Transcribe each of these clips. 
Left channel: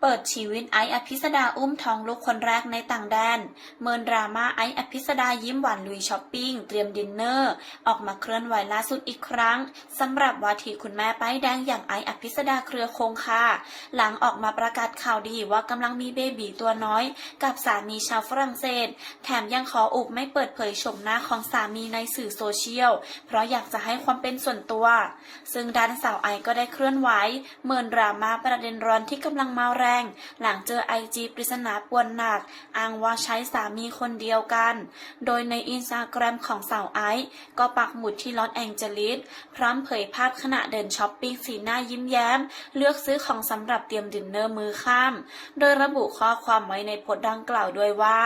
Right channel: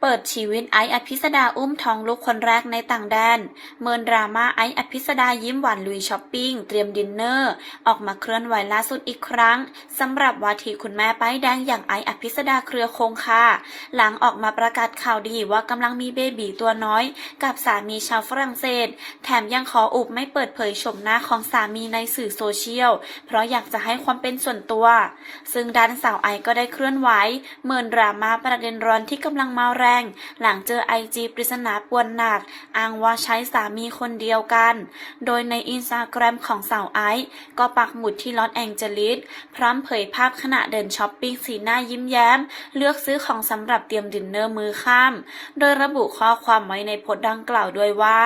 เปิดชีวิตไอซ์อภิสดาอุ้มท้องลูกคนแรกในต่างแดน เมินดราม่าไอซ์อภิสดายิ้มหวานลุยช้อปปิ้ง เตรียมดินเนอร์ ออกมาเคลื่อนไหวล่าสุดอีกครั้งสำหรับวาทีคุณแม่ป้ายแดงอย่างไอซ์อภิสดาเครือคงค่ะ หลังออกมาประกาศข่าวดีว่ากำลังมีเบบีตัวน้อย กับสามีชาวฝรั่งเศส แถมยังขออุบไม่เปิดเผยชมหน้าของสามีในสื่อโซเชียล เพราะอยากจะให้ความเป็นส่วนตัว ซึ่งด้านสาวไอซ์ก็ได้เคลื่อนไหว เมินดราม่าประเด็นร้อนที่กำลังมาแรงหลังเจอไอจีปริศนาปวนหนัก อ้างว่าใช้สามีคนเดียวกัน โดยในอินสตาแกรมของสาวไอซ์ก็ปักหมุดที่ลอสแองเจลิส พร้อมเผยภาพขณะเดินช้อปปิ้งสีหน้ายิ้มแย้ม เลือกซื้อของสำหรับเตรียมดินเนอร์มือค่ำโดยระบุข้อความไว้ในโพสต์ดังกล่าวด้วยว่า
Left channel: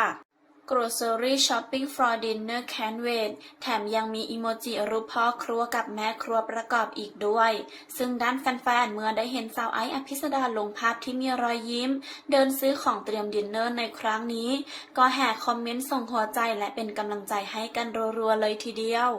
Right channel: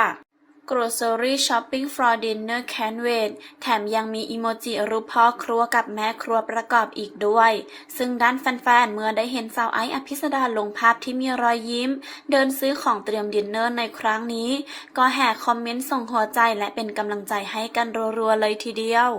grocery shopping for dinner can wait แถมยังมีอีโมจิรูปพ่อครัวกับแม่ครัวประกอบอีกด้วย ซึ่งด้านแฟนๆ เมื่อได้เห็นสาวไอซ์อภิสดาลงภาพที่มีรอยยิ้ม เดินซื้อของเตรียมดินเนอร์ในครั้งนี้ ก็แห่คอมเมนต์ส่งหัวใจและเป็นกำลังใจให้กันรัวๆเลยทีเดียว